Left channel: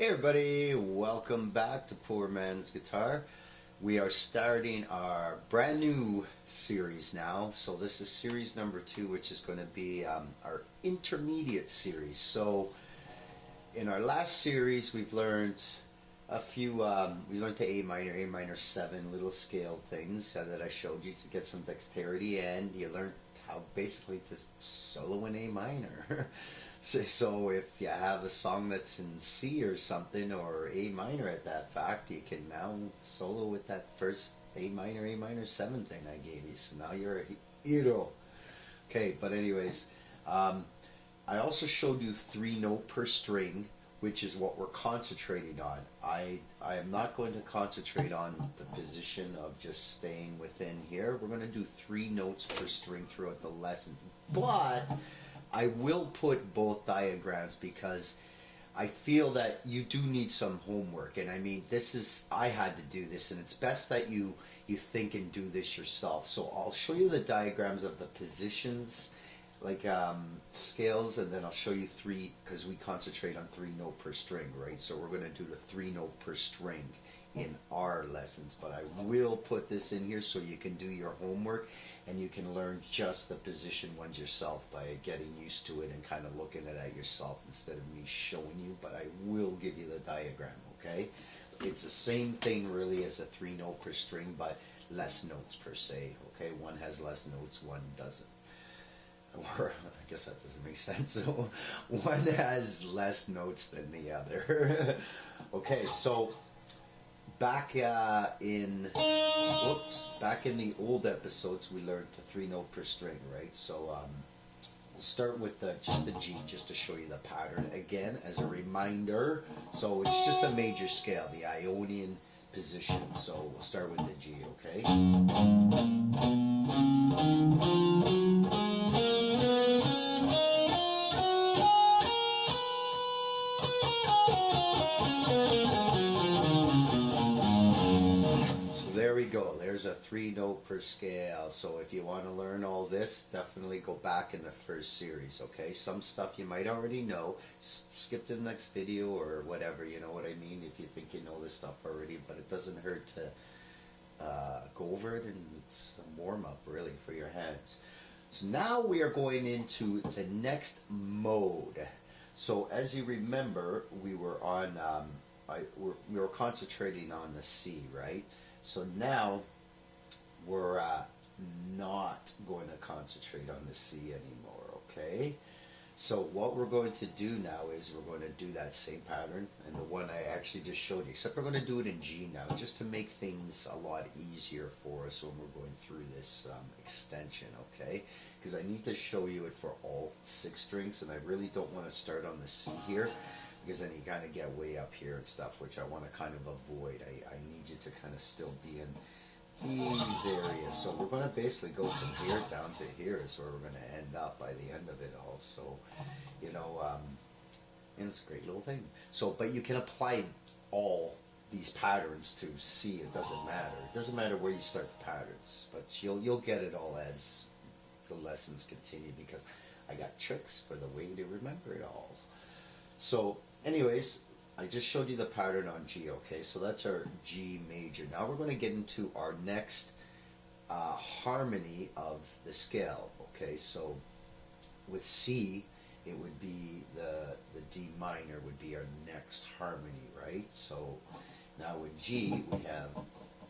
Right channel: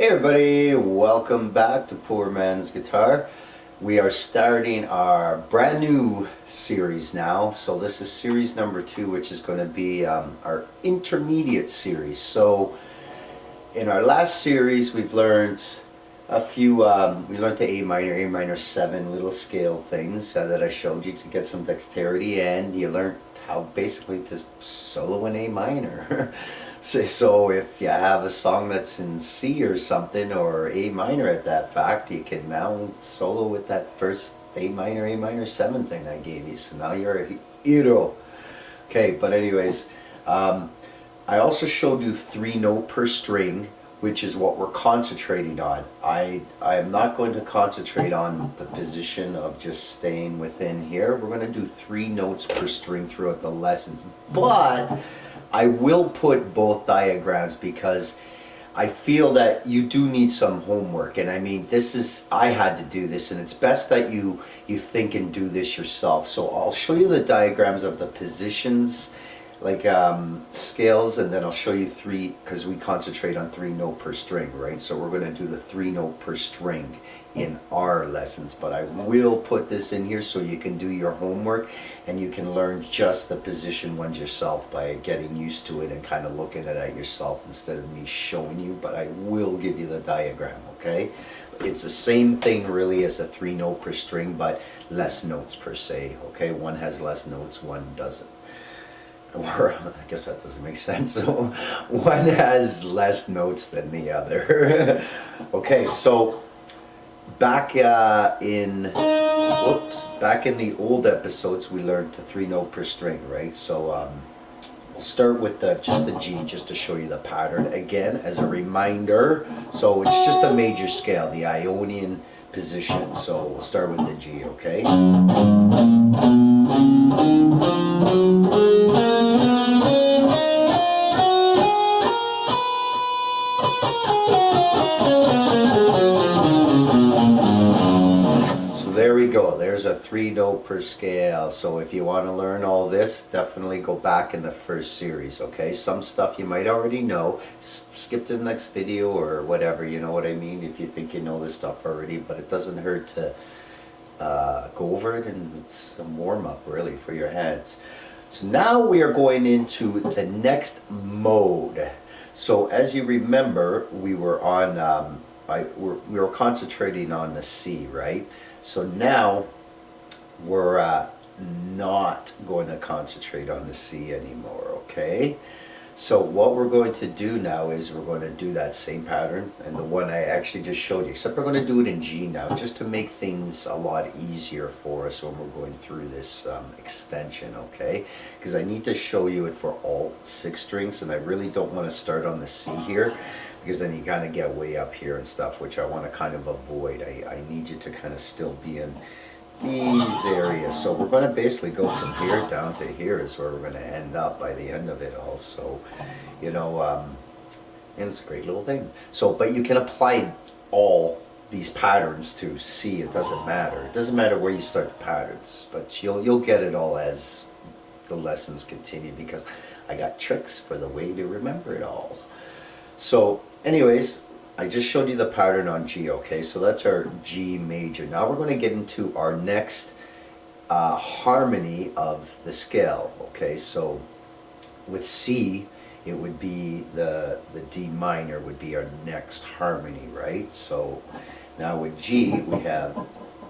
Hey everybody, welcome back to Poor Man's Guitar. We are starting our brand new series now. So this is series number 2, which is going to be our intermediate series. So in our last series we've learned a few, we learned the A minor 7 little scale things that I showed you to get some dexterity, and you learned how basically to solo an A minor. So if you have a song that's in C or something, or A minor at that fact, you can now solo with that first A minor 7 thing I gave you. So now you're a hero. Okay, but anyways, I also showed you 3 note per string, which is what we're concentrating on. I am not going to concentrate on the position of just staying within here. We're going to do 3 notes per string throughout the lessons. But I will put both diagrams because I feel that you do need some homework. And I mean, I had to do this, and it's best that you think and do this yourself. So I'll show you the diagrams of the positions, like scales, and then I'll show you 3, because we concentrate on 3 note per string, right? So we're going to do the 3 note per string in our lessons, but I will put this in here so you can do your homework and you can learn just the position ones yourself by getting used to it and kind of looking at it yourself instead of me showing you. But I will give you the diagram, okay? It's the same thing really as a 3 note per string, but less notes per se, okay? One has less notes, one doesn't. Or I guess that doesn't make sense. So one has less notes than the other. Okay, so back in the old episodes, we learned to 3 note per string, right? So we'll start with just the G, just to show you the pattern again as a reminder. So it's just a major scale, the Ionian position. So we'll start with the G, okay? So there we go, there's a 3 note per scale. So if you want to learn all this, definitely go back in the first series, okay? Some stuff you might already know, just skip to the next video or whatever, you know what I mean, if you think you know this stuff already, but it doesn't hurt to go over it, and it's a warm-up really for your hands. So now we are going into the next mode. So as you remember, we were on we were concentrating on the C, right? So now we're not going to concentrate on the C anymore, okay? So what we're going to do now is we're going to do that same pattern, and the one I actually just showed you, except we're going to do it in G now, just to make things a lot easier for us when we're going through this extension, okay? Because I need to show you it for all 6 strings, and I really don't want to start on the C here, because then you kind of get way up here and stuff, which I want to kind of avoid. I need you to kind of still be in these areas. So we're going to basically go from here down to here is where we're going to end up by the end of it all. So, you know, and it's a great little thing. So, but you can apply all these patterns to C. It doesn't matter. It doesn't matter where you start the patterns, but you'll get it all as the lessons continue, because I got tricks for the way to remember it all. So anyways, I just showed you the pattern on G, okay? So that's our G major. Now we're going to get into our next harmony of the scale, okay? So with C, it would be the D minor would be our next harmony, right? So now with G, we have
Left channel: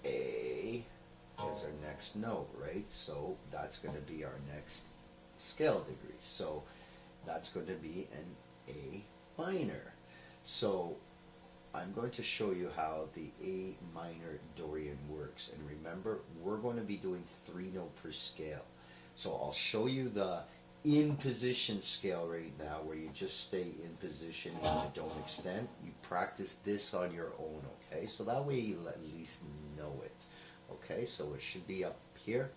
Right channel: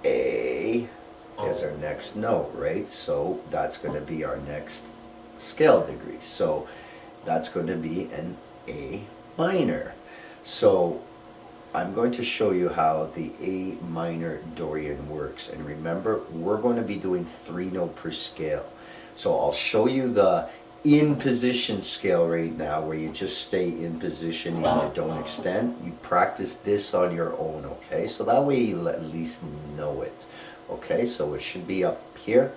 A as our next note, right? So that's going to be our next scale degree. So that's going to be an A minor. So I'm going to show you how the A minor Dorian works, and remember, we're going to be doing 3 note per scale. So I'll show you the in position scale right now, where you just stay in position and you don't extend. You practice this on your own, okay? So that way you at least know it, okay? So it should be up here.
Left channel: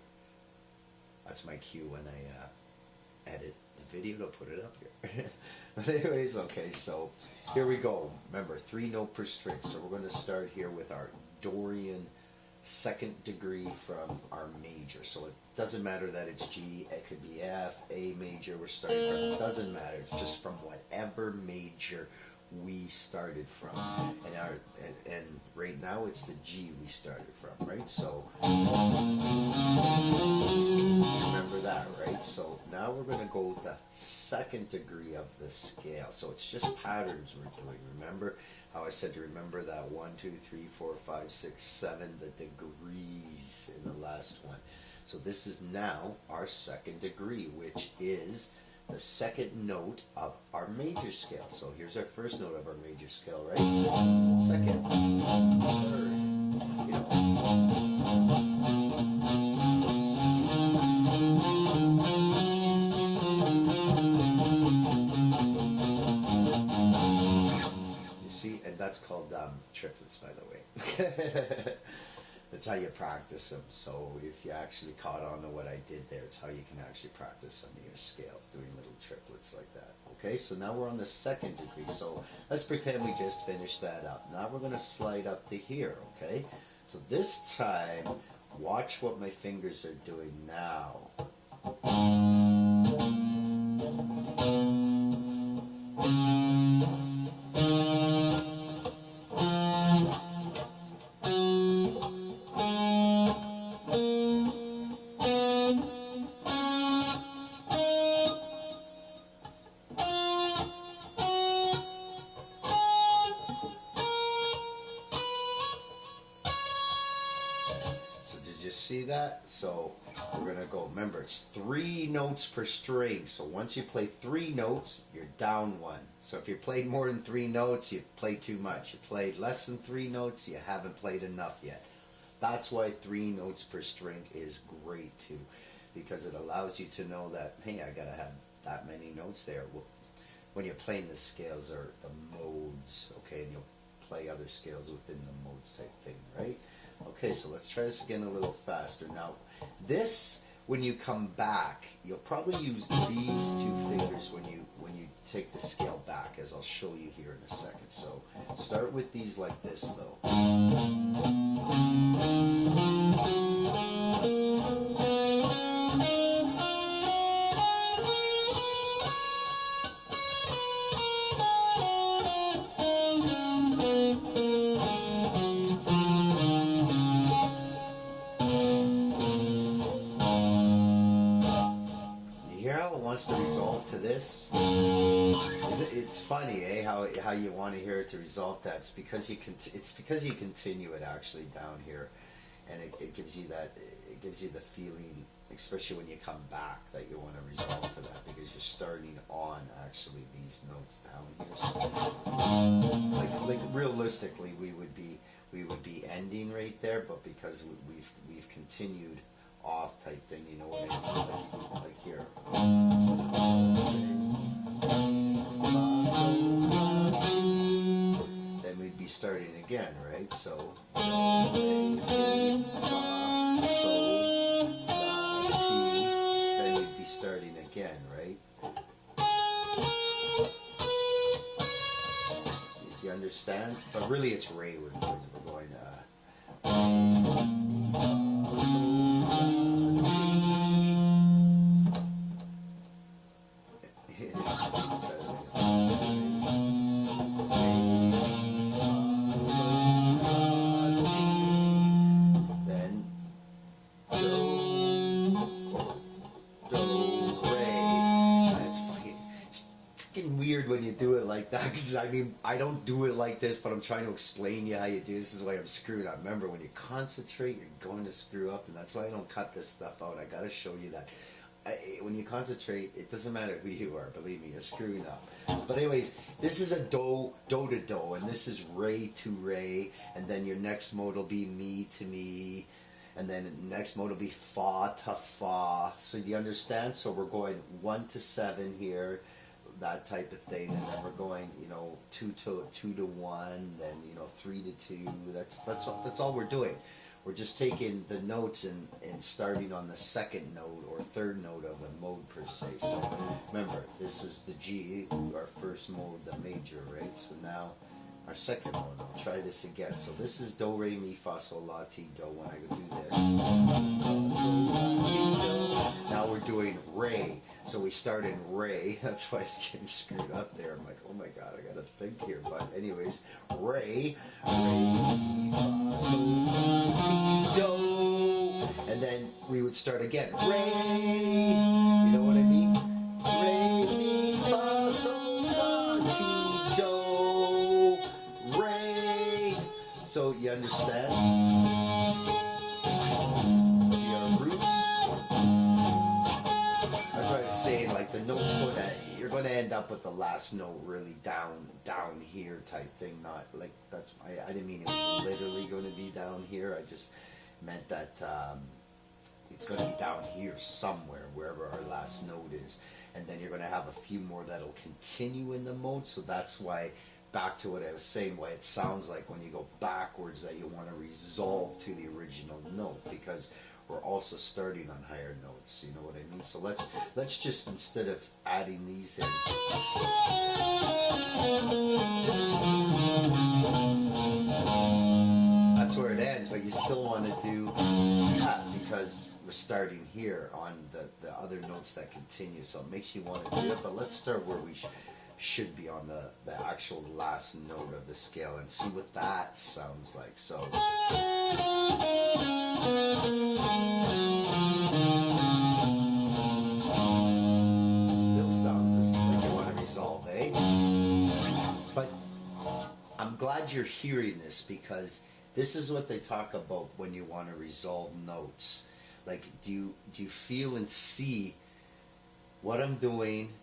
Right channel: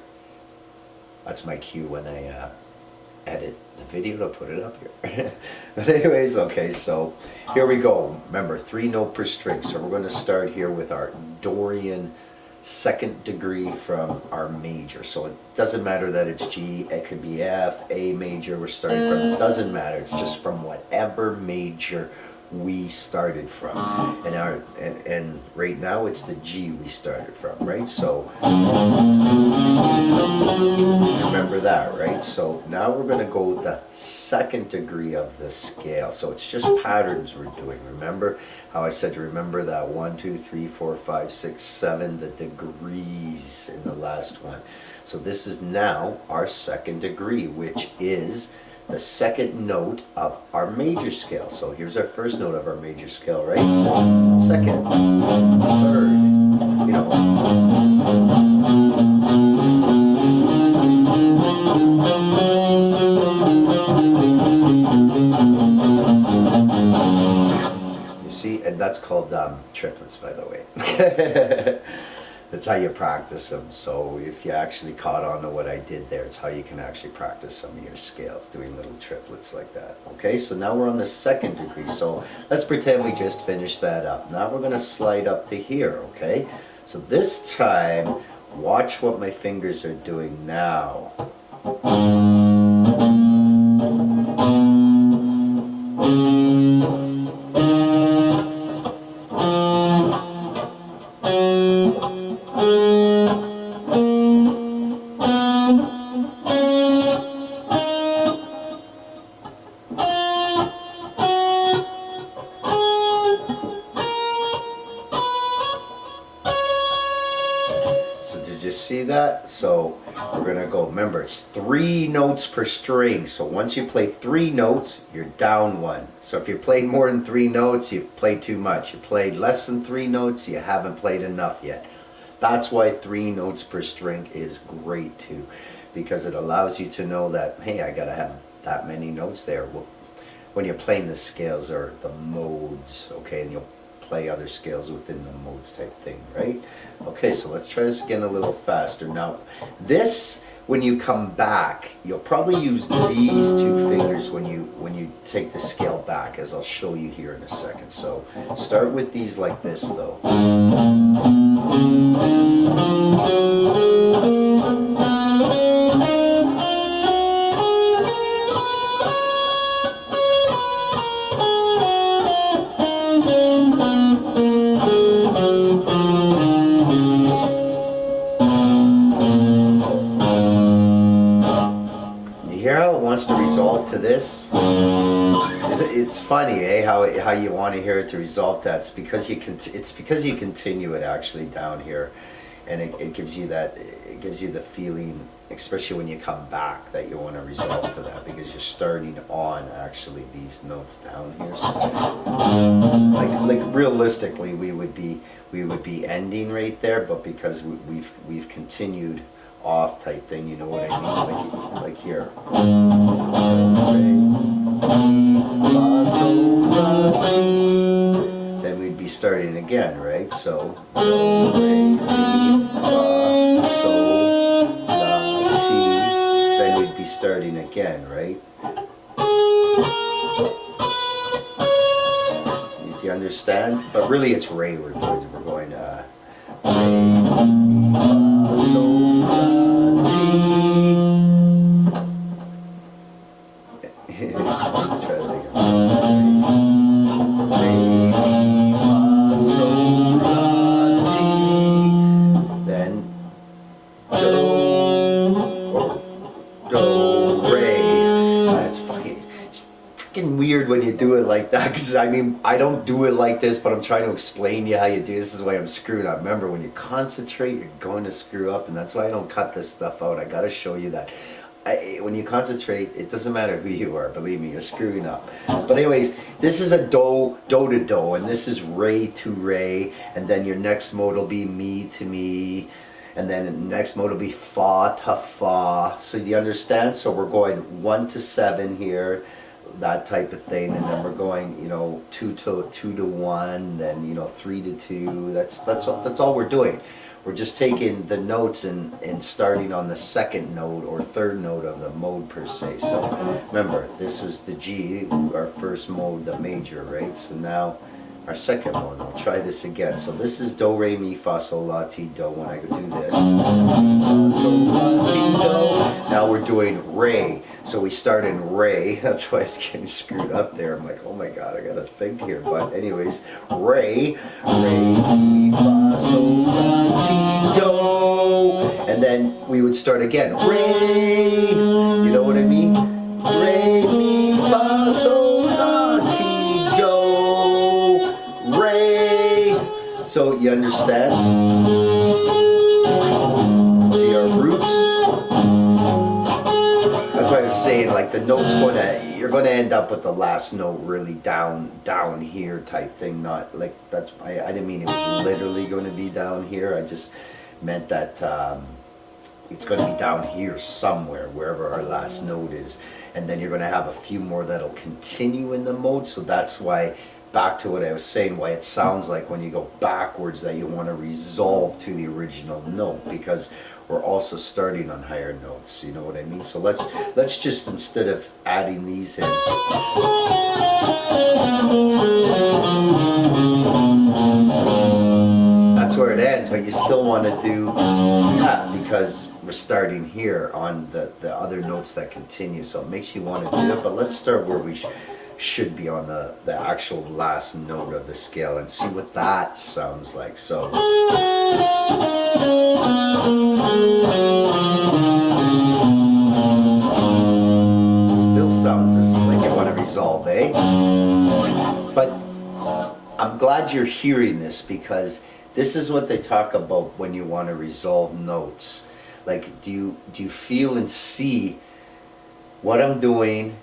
That's my cue when I edit the video to put it up here. But anyways, okay, so here we go. Remember, 3 note per string. So we're going to start here with our Dorian second degree from our major. So it doesn't matter that it's G, it could be F, A major, we're starting from, it doesn't matter, it's just from whatever major we started from. And right now it's the G we started from, right? So remember that, right? So now we're going to go with the second degree of the scale. So it's just patterns we're doing. Remember how I said to remember that 1, 2, 3, 4, 5, 6, 7, the degrees in the last one. So this is now our second degree, which is the second note of our major scale. So here's our first note of our major scale, right? Second, third, you know. You see, and that's called triplets, by the way. That's how you practice them. So if you actually caught on to what I did there, it's how you can actually practice some of your scales, doing little triplets like that. Okay, so now we're on the second degree. So let's pretend we just finished that up. Now we're going to slide up to here, okay? So this time, watch what my fingers are doing now. See that? So we're gonna go, remember it's 3 notes per string, so once you play 3 notes you're down 1. So if you played more than 3 notes, you've played too much. You played less than 3 notes, you haven't played enough yet. That's why 3 notes per string is great too, because it allows you to know that, hey, I gotta have that many notes there. Well, when you're playing the scales or the modes, okay, and you'll play other scales within the modes type thing, right? Okay, so let's try this again a little faster. Now, this, when you come back, you'll probably use these 2 fingers when you take the scale back, as I'll show you here in a second. So start with these like this, though. To resolve to this. It's funny, eh? How you want to hear it to resolve that. It's because you continue it actually down here, and it gives you that. It gives you the feeling, especially when you come back, that you want to resolve to that, because you're starting on actually these notes down here. So, like realistically, we would be ending right there, but because we've continued off type thing, you know what I mean? Like here. Then we'd be starting again, right? So do, re, mi, fa, sol, la, ti. Then we'd be starting again, right? You understand? But really it's re we're going to re, mi, fa, sol, la, ti. Let's try that again. Re, mi, fa, sol, la, ti. Then do, re. It's fucking weird when you do it like that, because I mean, I don't do it like this, but I'm trying to explain to you how you do. This is why I'm screwed up. Remember, when you concentrate, you're going to screw up, and that's why I don't cut this stuff out. I gotta show you that. When you concentrate, it doesn't matter who you are, believe me, you're screwing up. But anyways, this is a do to do, and this is re to re, and then your next mode will be mi to mi, and then the next mode will be fa to fa. So do you understand? So we're going 1 to 7 here, that type of thing, and then we're going, you know, 2 to 1, then, you know, 3 to 2. That's all we're doing. We're just taking the notes and starting on the second note or third note of the mode per se. So remember, this was the G, our first mode, the major, right? So now our second one. We'll try this again. So this is do, re, mi, fa, sol, la, ti, do. When I do this, sol, la, ti, do. Now we're doing re. So we start in re. That's why it's getting screwed up there. I'm like, oh my god, I gotta think here. But anyways, re, mi, fa, sol, la, ti, do. And then we would start again. Re. You know what I mean? Re, mi, fa, sol, la, ti, do. Re. So you understand? See our roots? That's why I was saying, like, the note's you're gonna end up with the last note really down here type thing. Not like I didn't mean it was literally going to be down here. I just meant that it's going to be down here somewhere, wherever our last note is. And then you're going to have a few more that'll continue in the mode. So that's why, back to what I was saying, why it sounds like when you go backwards that you want to resolve to the original note, because we're also starting on higher notes. You know what I mean? So let's just, instead of adding these in, that's where it ends, but you still want to do that because we're starting here on the other notes that continue. So it makes you want to do it, but let's start where we should be on the actual last note of the scale and see what that sounds like. So still sounds just like you want to resolve, eh? But I'm glad you're hearing this, because this is what they talk about when you want to resolve notes. Like, do you feel and see what I'm doing,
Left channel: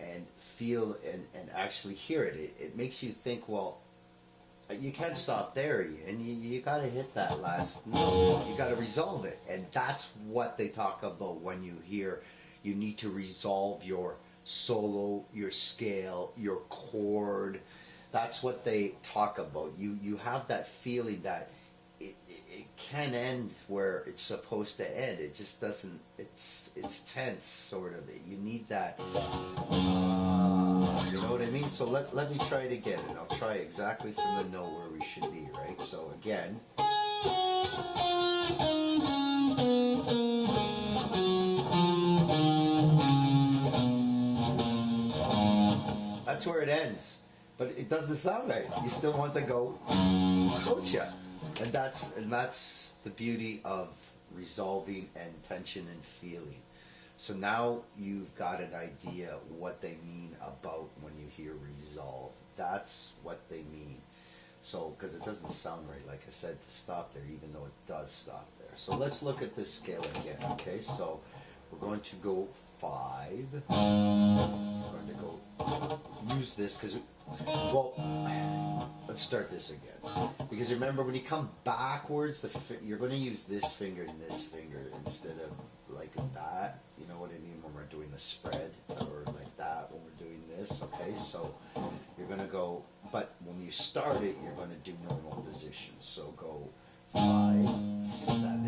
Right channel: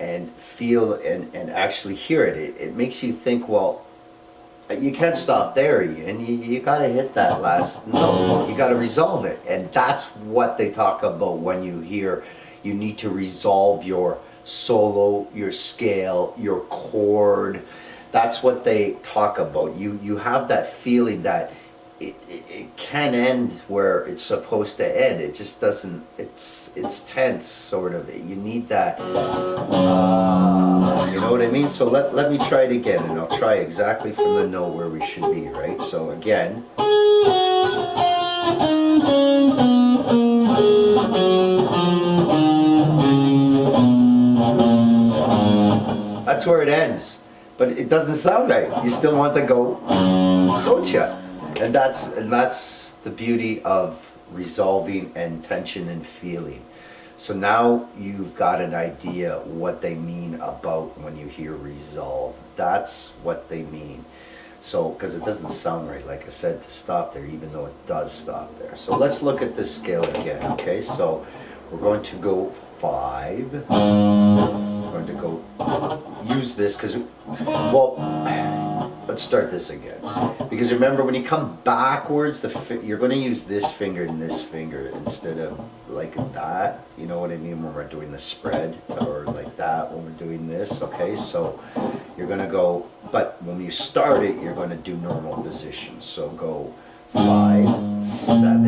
and feel and actually hear it? It makes you think, well, you can't stop there, Ian. You got to hit that last note. You got to resolve it. And that's what they talk about when you hear you need to resolve your solo, your scale, your chord. That's what they talk about. You have that feeling that it can end where it's supposed to end. It just doesn't. It's tense, sort of. You need that. You know what I mean? So let me try it again, and I'll try exactly from the note where we should be, right? So again. That's where it ends. But it doesn't sound right. You still want to go, don't you? And that's the beauty of resolving and tension and feeling. So now you've got an idea what they mean about when you hear resolve. That's what they mean. So, because it doesn't sound right, like I said, to stop there, even though it does stop there. So let's look at this scale again, okay? So we're going to go 5. We're going to go use this because, well, let's start this again. Because remember, when you come backwards, you're going to use this finger and this finger instead of like that. You know what I mean? When we're doing the spread, or like that when we're doing this. Okay, so you're going to go, but when you start it, you're going to do normal positions. So go 5, 7,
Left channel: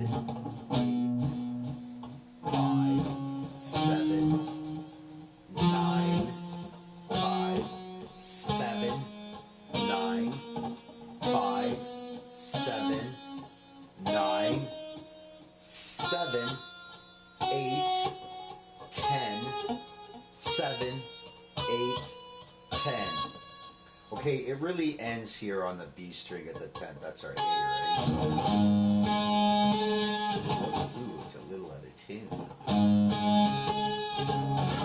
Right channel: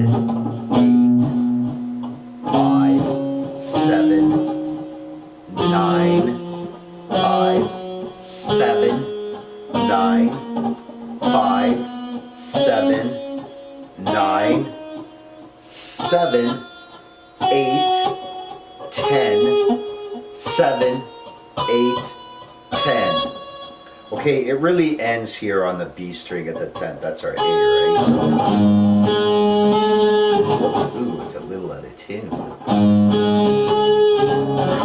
8, 5, 7, 9, 5, 7, 9, 5, 7, 9, 7, 8, 10, 7, 8, 10. Okay, it really ends here on the B string at the 10th. That's our A, right? So, whoops, ooh, it's a little out of tune.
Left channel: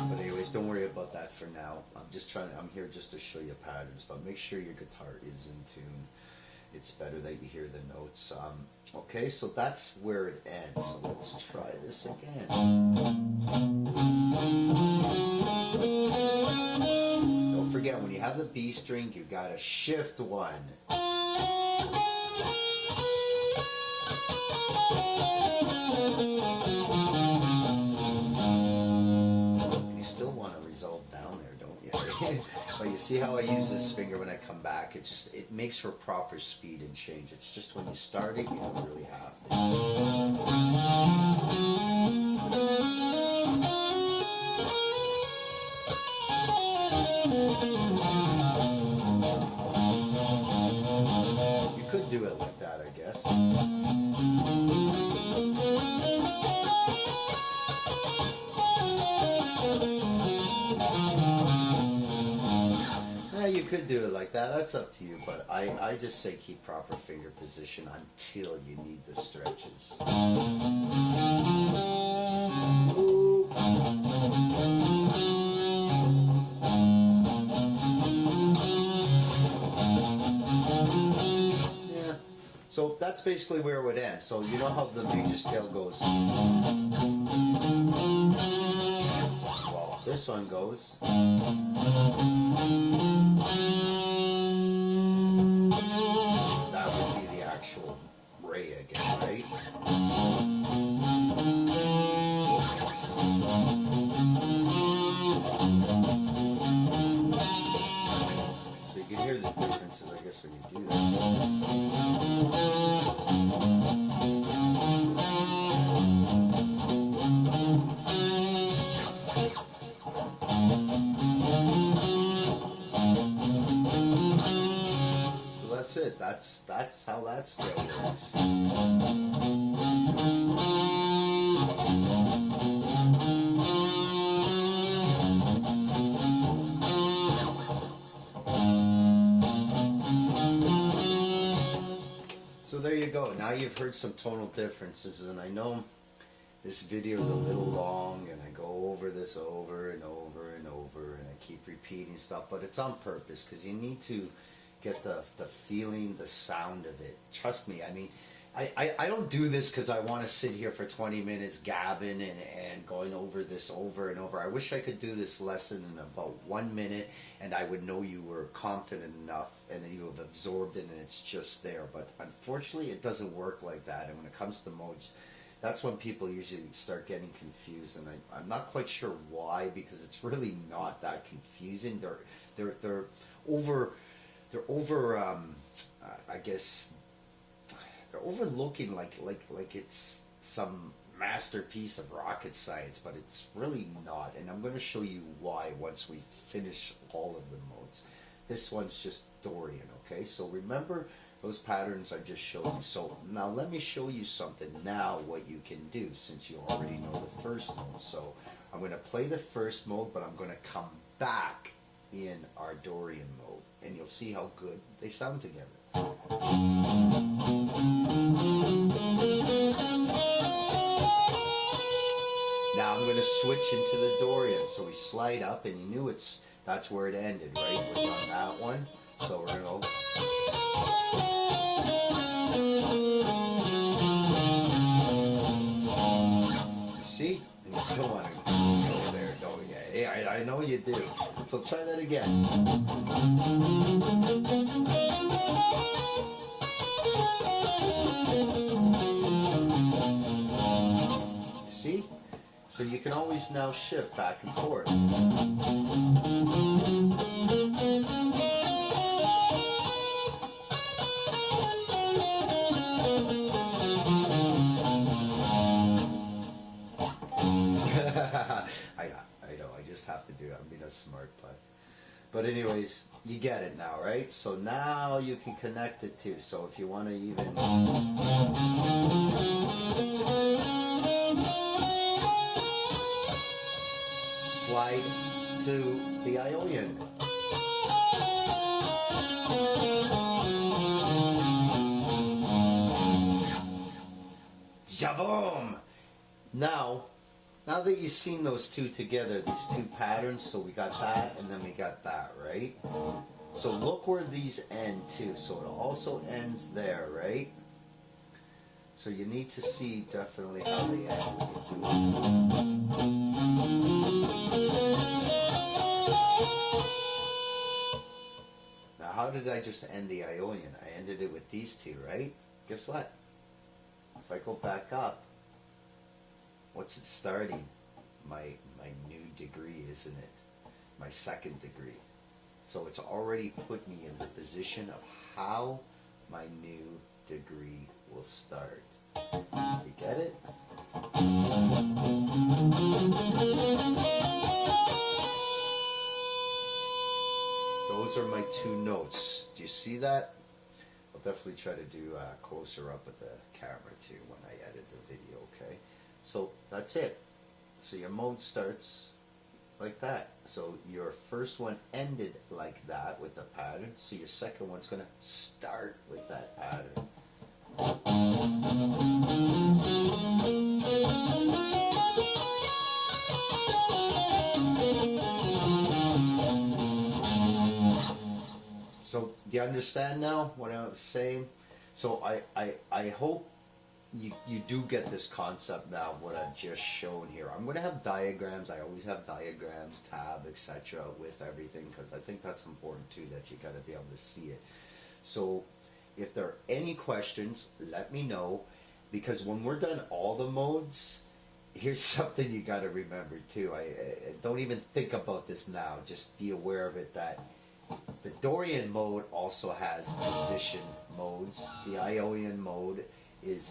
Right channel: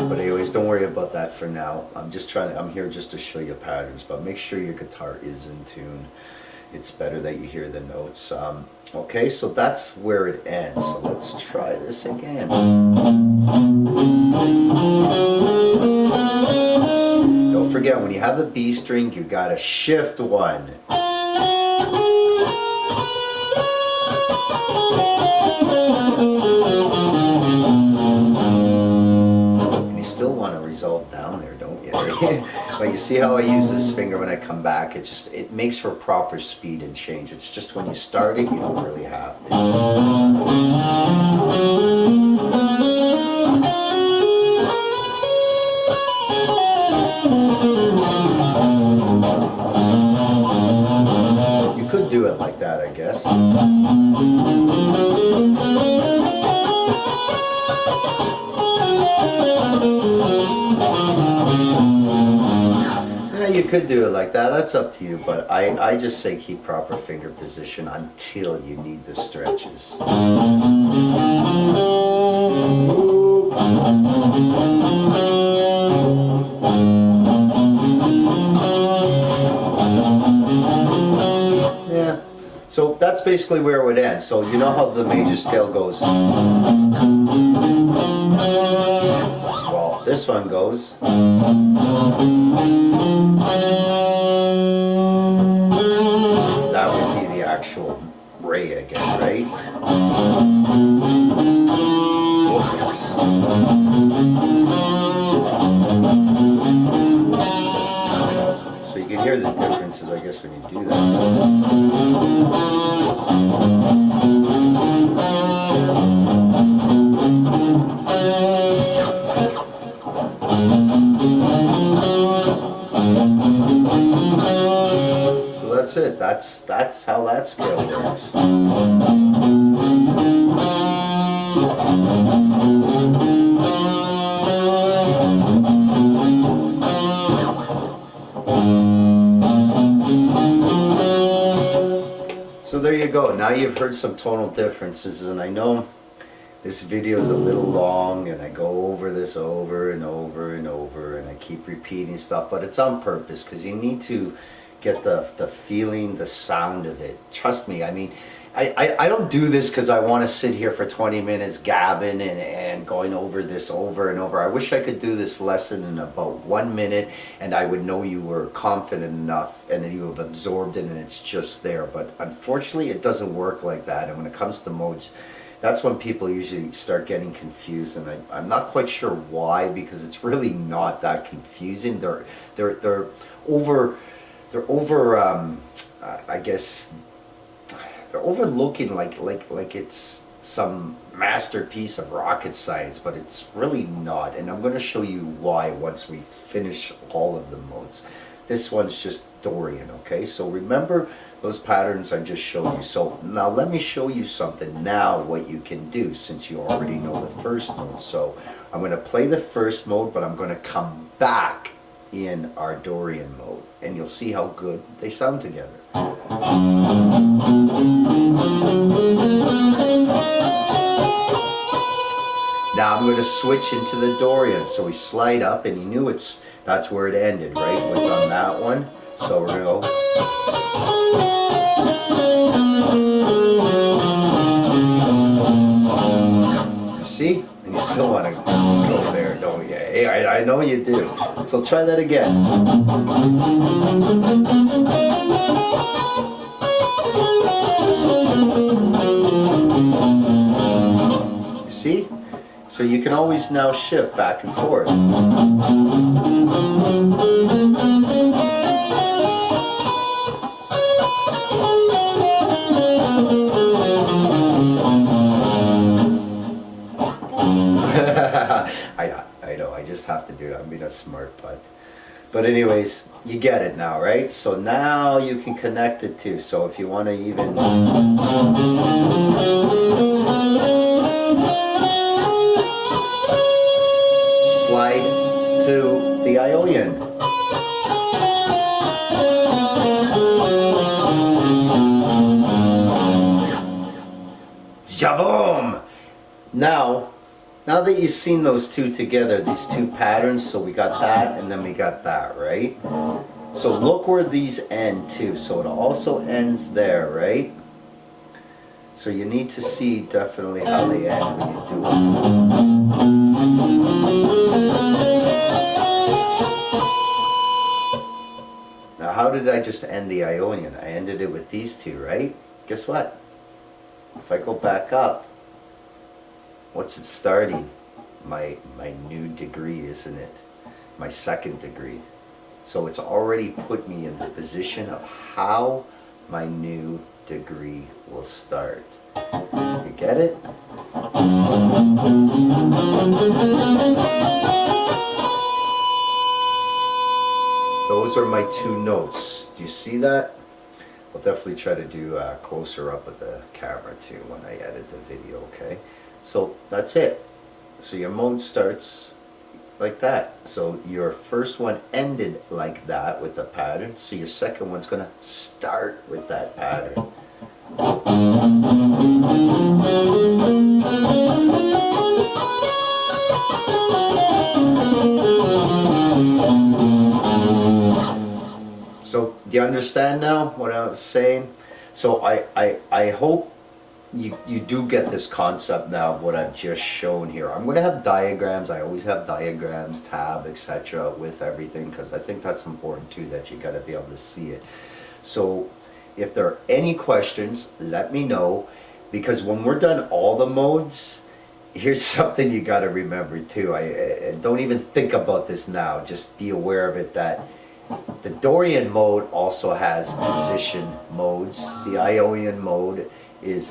But anyways, don't worry about that for now. I'm here just to show you patterns, but make sure your guitar is in tune. It's better that you hear the notes. Okay, so that's where it ends. So let's try this again. Don't forget, when you have the B string, you gotta shift 1. And you still want to resolve down there, don't you? But you see how I use this finger when I come back? It makes for proper speed and change. It's just when you start it, you don't really have to. do it like that, I guess. Yeah, you could do it like that. That's up to you. But I just say keep proper finger position until you need the stretches. Yeah. So that's basically where it would end. So you know how the major scale goes. Well, this one goes. That would be the actual Ray again, right? Oops. So you can hear the differences, I guess, when you do that. So that's it. That's how that scale works. So there you go. Now you've heard some tonal differences, and I know this video is a little long and I go over this over and over and over and I keep repeating stuff, but it's on purpose because you need to get the feeling, the sound of it. Trust me, I mean, I don't do this because I want to sit here for 20 minutes gabbing and going over this over and over. I wish I could do this lesson in about 1 minute and I would know you were confident enough and that you have absorbed it and it's just there. But unfortunately, it doesn't work like that. And when it comes to modes, that's when people usually start getting confused, and I'm not quite sure why, because it's really not that confusing. They're I guess they're overlooking like it's some masterpiece of rocket science, but it's really not. And I'm going to show you why once we finish all of the modes. This one's just Dorian, okay? So remember those patterns I just showed you. So now let me show you something now, what you can do, since you already know the first mode. So I'm going to play the first mode, but I'm going to come back in our Dorian mode, and you'll see how good they sound together. Now I'm going to switch into the Dorian. So we slide up, and you knew that's where it ended, right? It was on that one. So we're going to go. See? And you still want to go there, don't you? Hey, I know you do. So try that again. See? So you can always now shift back and forth. I know, I just have to do it. I'm being a smart butt. But anyways, you get it now, right? So now you can connect it too. So if you want to even... slide to the Ionian. Javoom! Now that you've seen those two together, these two patterns, so we got that and then we got that, right? So look where these end too. So it also ends there, right? So you need to see definitely how they end when you do it. Now how did I just end the Ionian? I ended it with these two, right? Guess what? If I go back up, what's it starting? My new degree, isn't it? My second degree. So it's already put me in the position of how my new degree will start. You get it? Those are my two notes. Do you see that? I'll definitely try to do closer up with the camera too when I edit the video, okay? So that's it. So your mode starts like that. So your first one ended like that with the pattern, so your second one's gonna start with that pattern. So do you understand now what I was saying? So I hope you do get this concept now of what I've just shown here. I'm going to have diagrams. I always have diagrams, tab, etc. with everything, because I think that's important too, that you got to be able to see it. So if there are any questions, let me know, because when we're done all the modes, here's something you got to remember too. I don't even think about this now. Just be aware of it, that the Dorian mode also has position modes. The Ionian mode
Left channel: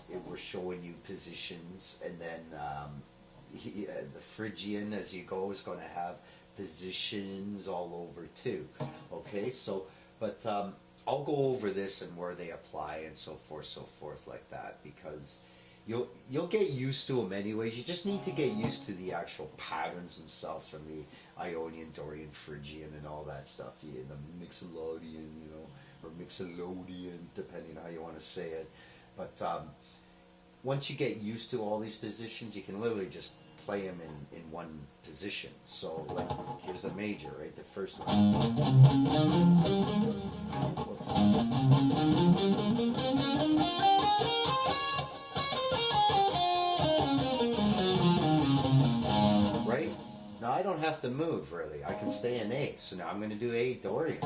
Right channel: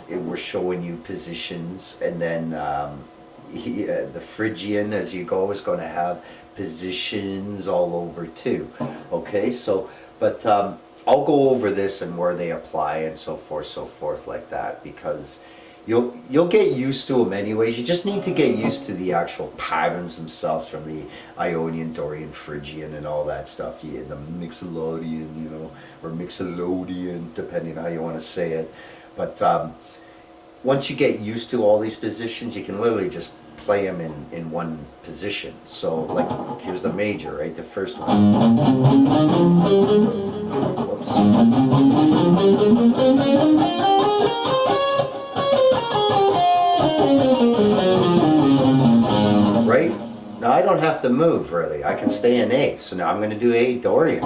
we're showing you positions, and then the Phrygian, as you go, is going to have positions all over too. Okay, so but I'll go over this and where they apply and so forth like that, because you'll get used to them anyways. You just need to get used to the actual patterns themselves from the Ionian, Dorian, Phrygian, and all that stuff. Yeah, the Mixolydian, you know, or Mixolydian, depending how you want to say it. But once you get used to all these positions, you can literally just play them in one position. So, like, here's the major, right? The first one. Whoops. Right? Now I don't have to move really. I can stay in A. So now I'm going to do A Dorian.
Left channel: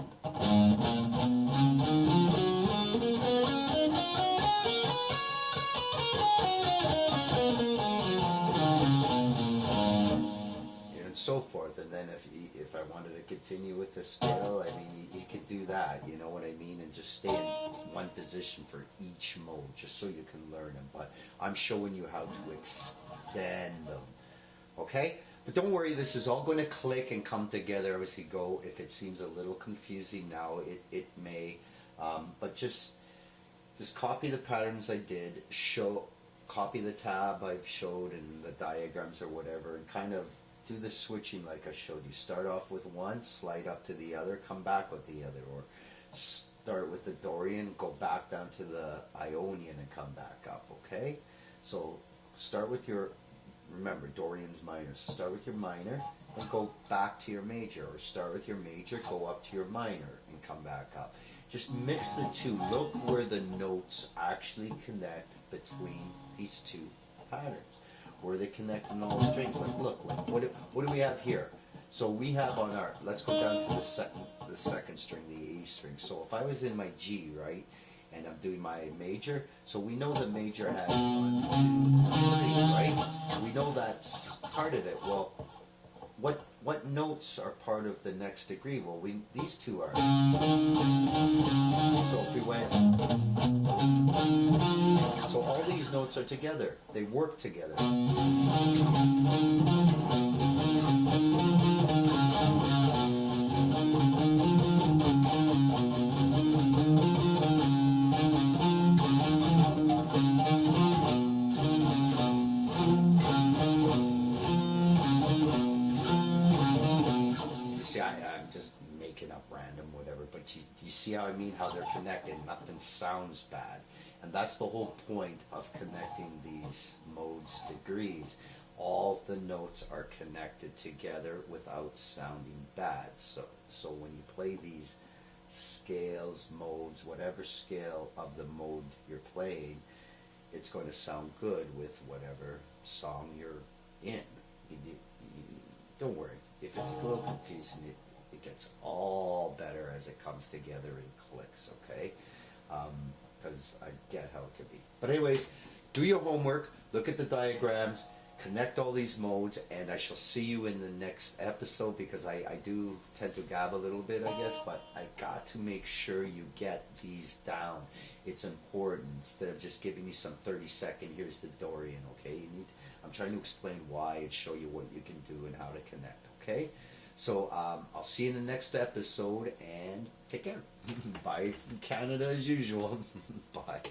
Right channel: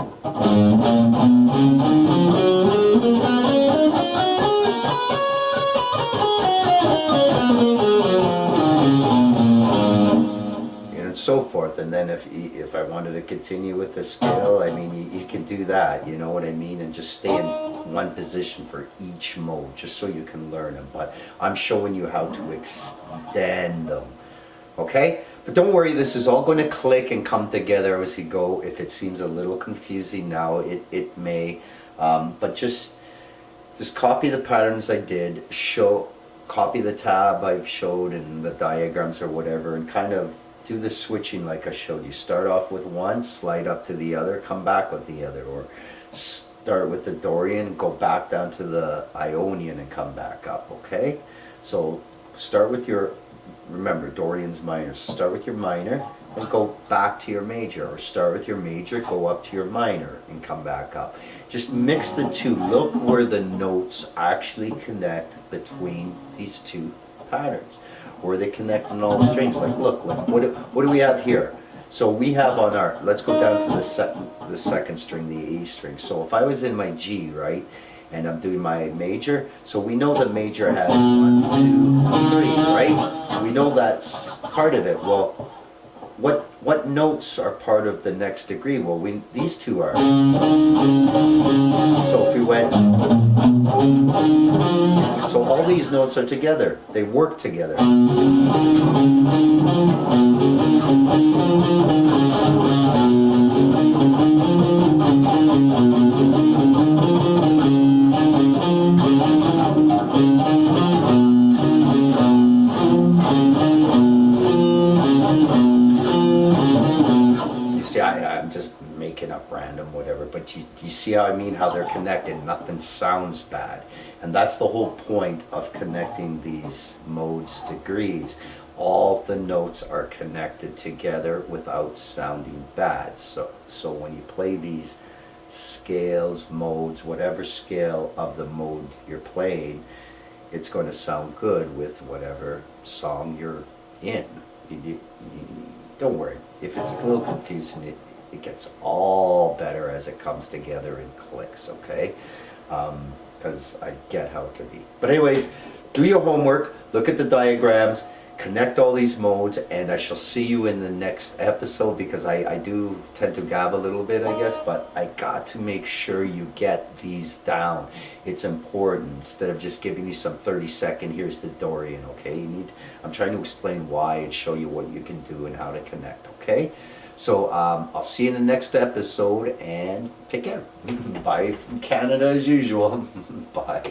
And so forth. And then if I wanted to continue with the scale, I mean, you can do that, you know what I mean, and just stay in one position for each mode, just so you can learn them. But I'm showing you how to extend them, okay? But don't worry, this is all going to click and come together as you go. If it seems a little confusing now, it may, but just copy the patterns I did, copy the tab I've showed and the diagrams or whatever, and kind of do the switching like I showed you. Start off with one, slide up to the other, come back with the other, or start with the Dorian, go back down to the Ionian and come back up, okay? So start with your, remember, Dorian's minor. So start with your minor and go back to your major, or start with your major, go up to your minor and come back up. Just mix the two. Look where the notes actually connect between these two patterns, where they connect on all strings. Like, look, what do we have here? So we have on our, let's go down to the second string, the A string. So if I was in my G, right, and I'm doing my major, so we know the major has 1, 2, 3, right? We know that's part of it. Well, what notes are part of the next degree? Well, these two are. So if we went, so all these notes are together. They work together. I'm just making up random whatever, but you see how I mean, how they're connected. Nothing sounds bad, and that's the whole point of connecting these modes degrees. All the notes are connected together without sounding bad. So when you play these scales, modes, whatever scale of the mode you're playing, it's going to sound good with whatever song you're in. Don't worry. If it's a little confusing, it gets all better as it comes together and clicks, okay? Because I get how it can be. But anyways, do your homework, look at the diagrams, connect all these modes, and I shall see you in the next episode, because I do tend to gab a little bit, I guess, but I got to make sure you get these down. It's important, instead of just giving you some 30-second, here's the Dorian, okay? I'm trying to explain why and show you what you can do and how to connect, okay? So I'll see you in the next episode, and take care. Bye from Canada as usual. Bye.